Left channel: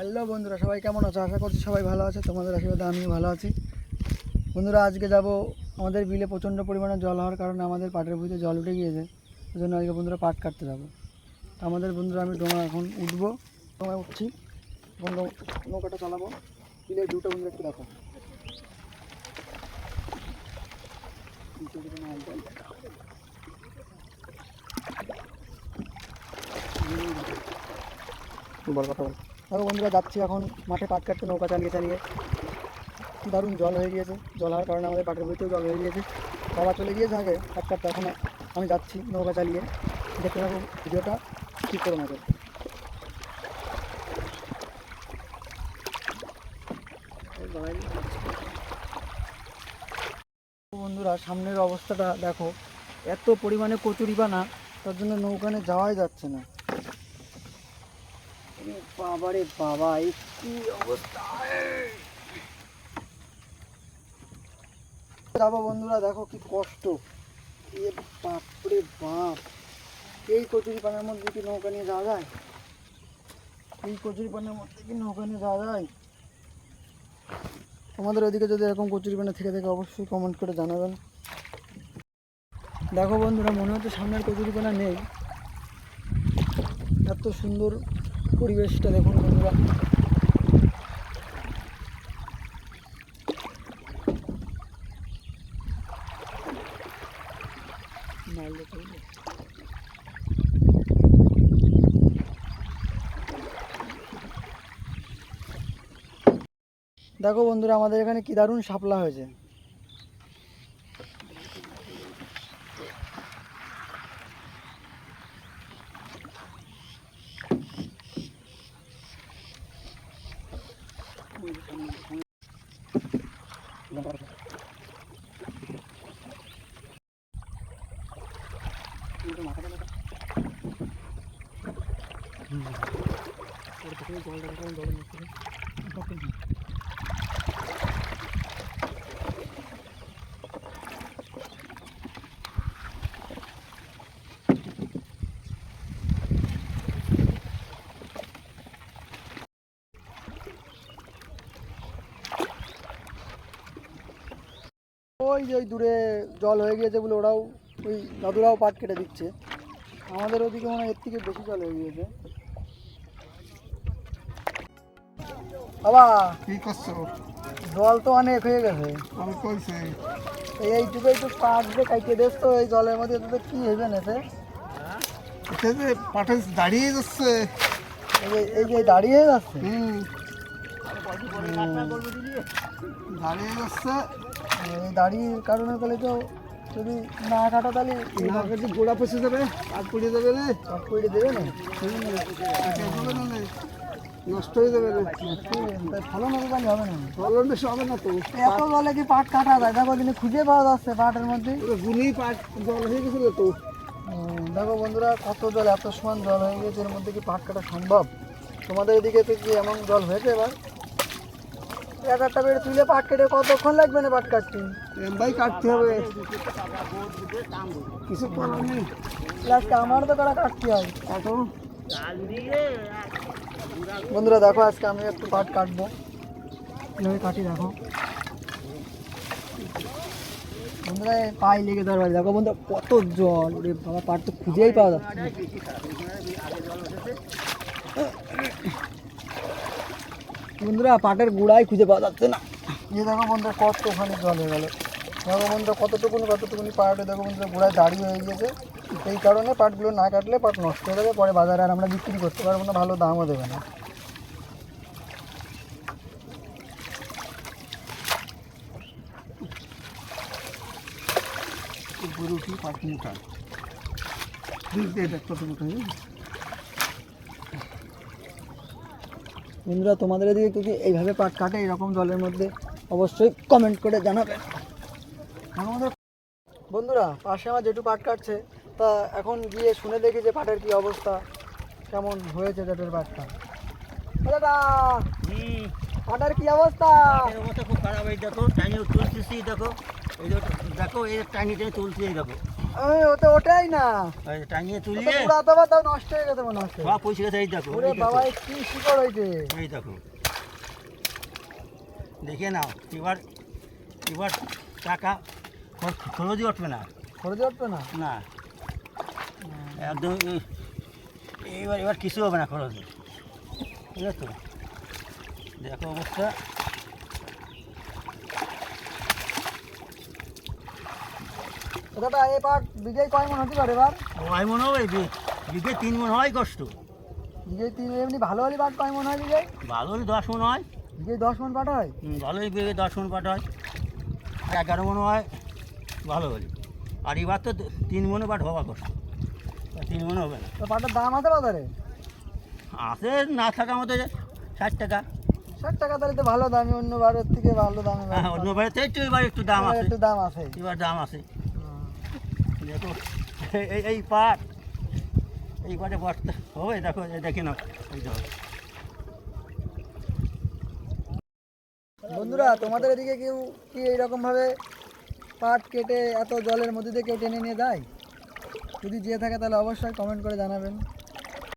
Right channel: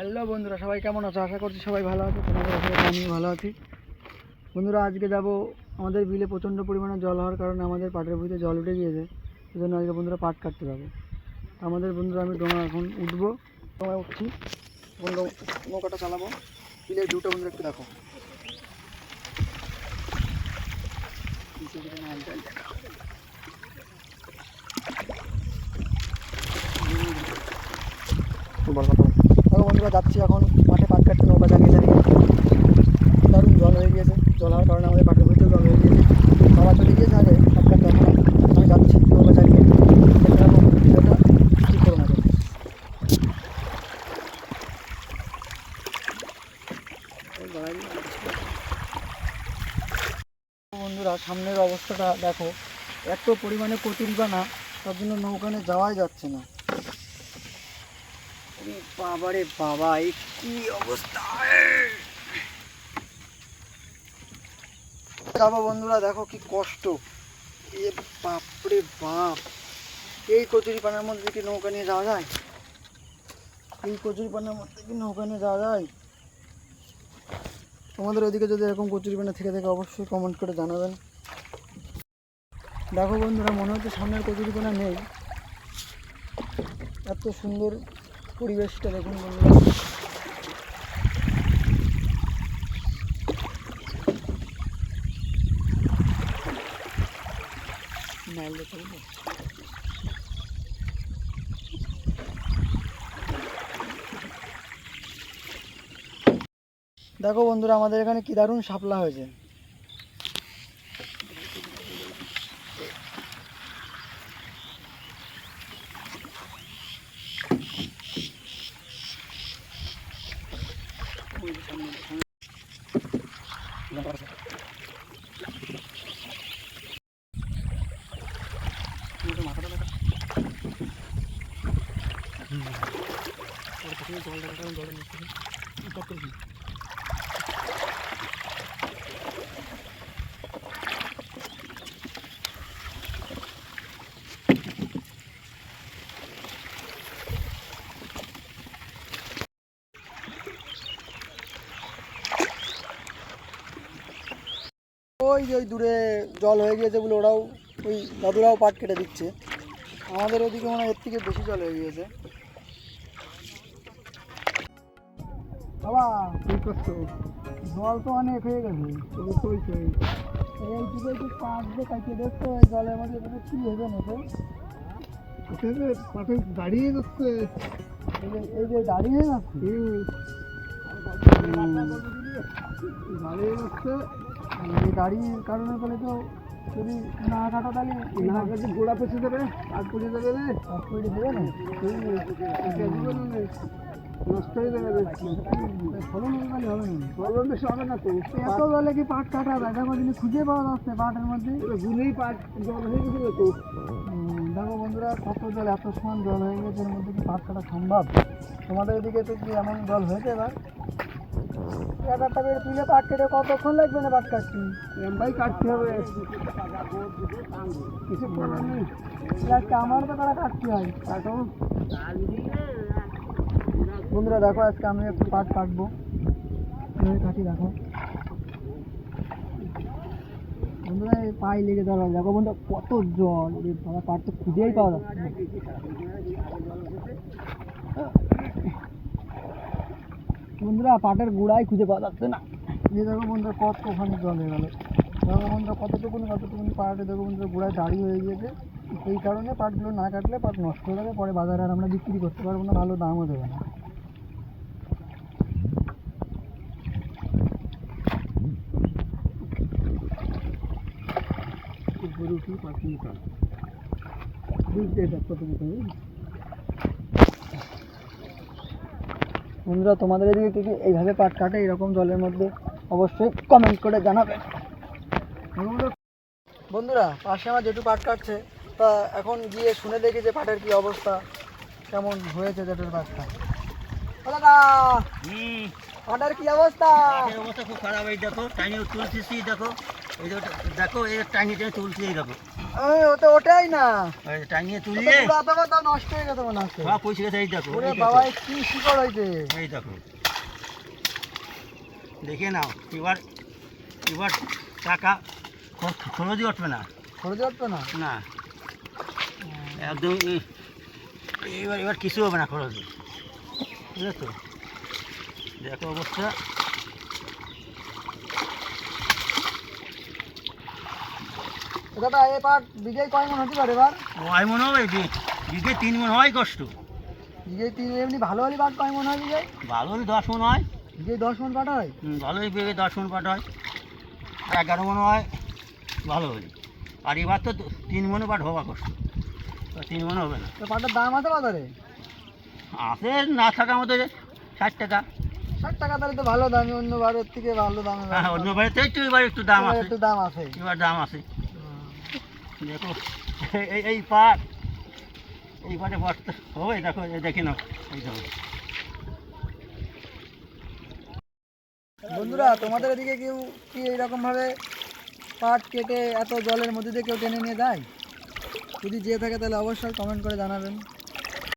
Hello বন্ধুরা, সবাই কেমন আছো? আশা করছি সবাই ভালো আছে। তোমাদের আশীর্বাদে আমিও ভালো আছি। বন্ধুরা, আজকে যাব আমাদের বিলে প্রচণ্ড পরিমাণে জল হওয়ার কারণে আমাদের পাটের ভুঁইতে জল উঠে গিয়েছে। সেই জন্য আজকে বন্ধুরা পাট কাটতে যাবো। আমাদের বন্ধুরা আমি ডোঙা এখন উঠবো, ডোঙায় উঠছি, এখন নৌকাটা চালাবো। বিলের ভিউটা বন্ধুরা একটু দেখো। দেখো বন্ধুরা, যাচ্ছি এখন মাঠে পাট কাটতে, নৌকা চালিয়ে চালিয়ে। দারুণ জল হয়ে গিয়েছে। জল হওয়ার কারণে আমাদের পাটের ভুঁইতেও জল হয়ে গিয়েছে। বাবা চলে গিয়েছে আগে পাট কাটতে, এখন আমি যাচ্ছি নৌকা চালিয়ে। দেখতে থাকো ভিডিওটা, ঠিক করো না। বন্ধুরা, সামনের অবস্থাটা দেখো, এত পরিমাণে কচুরিপানা, তার জন্য নৌকানে যাওয়াই যাচ্ছে না। বাবারে বাবা, এই কি অবস্থা! যাবো বন্ধুরা, দেখো কি কষ্ট। এ বাপরে বাপ, এই কচুরিপানার মধ্যে কি নৌকা নিয়ে যাওয়া যায়? এই কচুরিপানার মধ্যে কি নৌকা নিয়ে যাওয়া যায়? তোমাদের ওদিকে যদি এরকম কচুরিপানা থেকে থাকে অবশ্যই কমেন্ট করে জানাবেন। দেখো বন্ধুরা, মনে হচ্ছে সামনের কচুরিপানা নেই। এত সুন্দর পরিবেশটা দেখুন বন্ধুরা। দেখো বন্ধুরা, আমাদের এখানে কি দারুণ শাপলা হয়েছে। ওই যে ওই দূরে জল হয়ে গিয়েছে বলে ওরাও, ওই দাদুরাও পাট কেটে দিচ্ছে। আমাদের ওদিকে মনে হয় এর থেকে বেশি জল হয়ে গিয়েছে। বাবা কি করছো? জল তো অনেক হয়ে গেছে। এইটুকু একটু পাট দিয়ে কাটিয়ে দিস তো, এই জলের মধ্যে তো কি হবে না? পাটে দাঁড়িয়ে যাচ্ছে, এই যে দাঁড়িয়ে যাচ্ছে, দাঁড়িয়ে যাচ্ছে। এই দাঁড়িয়ে কারণে বলে তো, যদি না কাটা তাহলে গোড়া পচে যাবে, আর পুড়ে যাবে না, আর পুড়ে দেবে না, নষ্ট হয়ে যাবে। ফলন হবে তাহলে হবে না, ফলন বেশি হবে না তো। এত জলে কি পাট কাটা যায়? দেখো কিন্তু খুঁজে পাওয়া যাচ্ছে পাটের মধ্যে, গুনেই পাট জল হয়ে গেছিল তো। দেখো বন্ধুরা, কত জল, এত সমান জল হয়ে গেছে, এর মধ্যে কি পাট কাটা সম্ভব? তোমাদের এদিকে তো কি এমন জল হয়েছে? এবার এক একটা বেড়ে তুলে পাট কেটে কতক্ষণ লাগবে না পাট কাটতে? ভাই কাটতে হবে, কিছু করার নেই। লাস্ট আমার তো তারা কাটতে হয়। কাটো বন্ধুরা, দেখো আজকে আমি একটু পাট কাটবো, কাটি। দেখো বন্ধুরা, পায়ে লেগে দেওয়ার, দেখো বন্ধুরা কত জল, ওরে বাবা, পাট তো খুঁজেই পাওয়া যাচ্ছে না। বন্ধুরা, পাটের গুড়াই খুঁজে পাওয়া যাচ্ছে না। এই দেখো বন্ধুরা, কত ওখানে জল হয়ে গেল। দেখো বন্ধুরা, কতটুকুনি পাটে দেখো বন্ধুরা গুড়ায় দাঁড়িয়ে হয়ে গিয়েছে। এই কারণে পাটগুলো না কাটলে পাট নষ্ট হয়ে যাবে, পরে বাজারে আর আমরা বিক্রি করতে পারবো না, ভালো দামও দেবে না। বন্ধুরা, তোমাদের এদিকে কি এইভাবে পাট কাটে এরকম জলের মধ্যে? অবশ্যই কমেন্ট করে জানাবেন। বন্ধুরা, পাশে আমার যেটু পাট কাটছে, তা এখন গিয়ে শুনে দেখি যে পাটের কি অবস্থা, কেমন হয়েছে জেঠুর পাটটা। দাদা পাটের কি অবস্থা? পাটের অবস্থা খুব খারাপ। এই দেখো টাঙিয়ে তুলতেছি, দেখো এই দেখো এই টাঙিয়ে টেনে তুলছি, এই দেখো ও তো ওটাই না, এই টাঙিয়ে তুলিয়ে পুরাতে তো নষ্ট হয়ে গেছে মনে হচ্ছে। সব পয়সা গেছে। এই দেখো, ওরে এই দেখো, বাবা, কি শিকড় হইছে! এই দেখো দেখে নাও। এবার এবার টাকা খরচই উঠবে না, খরচ উঠবে না। না একদম। এবার এবার কিছু হবে না খরচ, ঠিক আছে? দেখো অবস্থা। দাদা এই পাট বিঘায় কয় মন হতে পারে এবার? ওই মনে হবে বিঘে 3 মন হয় কষ্ট। বিঘায় 3, এমনি ভালো হলে পাট কয় মন হয় বিঘায়? ভালো হলে 10 মন হয়। বিঘায় 10 মন পাট হয়? ভালো হলে বিঘে 10 মন পাট হয়, 11 মন হয় ভালো হলে। আর এবার তো 3 মনে পাট হওয়া কষ্ট, 3 মনে হবে না। তো পাটের দাম আছে বাজারে? আছে না থাকা মতো 60 টাকা। 60 টাকা তাহলে তো ভালো দাম, অন্য বারের থেকে ভালো দামে হ্যাঁ, অন্য বাড়িতে একটু এবার একটু দাম আছে, একটু দাম আছে। এবার দাম আছে। দেখো এই পাট, এই পাটে বস্তা হবে, দেখো দেখে নাও, এই দেখো। বন্ধুরা, তোমাদের এদিকে কেউ কি এইরকম ভাবে পাট কেটে এত জলের মধ্যে দিয়ে কেউ টেনে নিয়ে যায়? যদি যেয়ে থাকে তাহলে অবশ্যই কমেন্ট করে জানাবেন।